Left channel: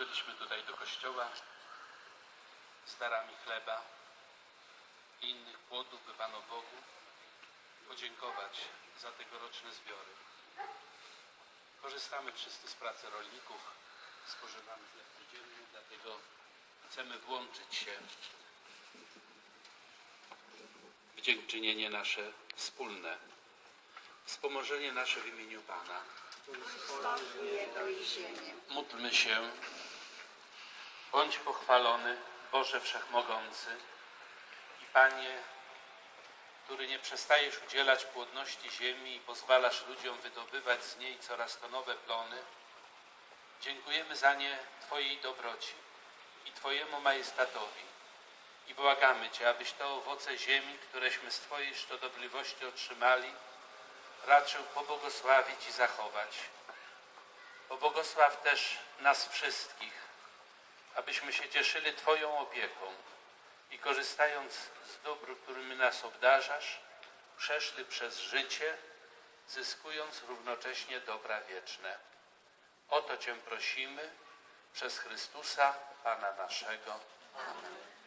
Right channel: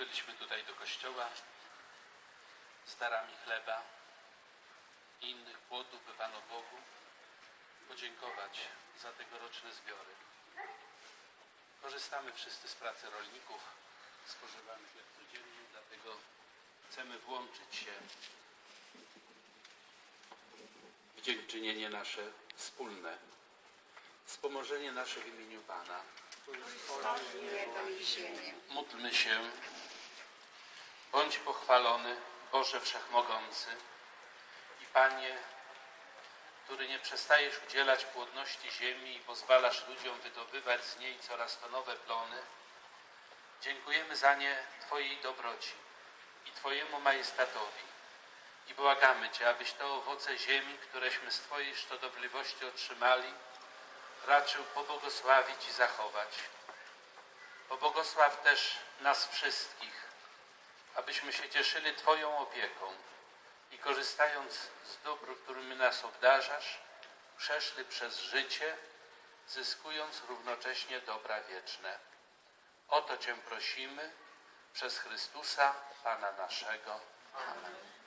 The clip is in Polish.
Byliśmy tutaj do kościoła z darami chleba i innych płodów by Panu Bogu podziękować za tegoroczne zbiory. Korzystamy wszyscy z pracy rolników, spożywamy chleb codziennie, dlatego chcemy włączyć się w dziękczynienie nasze wspólne, wspomożenie nasze w imieniu Pana. Módlmy się. Bądź pochwalony, Boże Wszechmogący i Panie, który nie przestajesz udzielać płodności ziemi i pozwalasz ludziom wydobywać z niej coraz to nowe plony. Dziękujemy za nie Twojej dobroci i Twojemu majestatowi i błagamy Cię, abyś te owoce ziemi, któreśmy z Twojej szczodobliwości otrzymali, raczył pobłogosławić i zachować. Pobłogosław też nas wszystkich, abyśmy się cieszyli Twoją opieką i korzystając z dóbr, którymi nas obdarzasz, przeszli przez życie, zyskując równocześnie dobra wieczne. O to Cię prosimy przez Chrystusa, Pana naszego. Amen.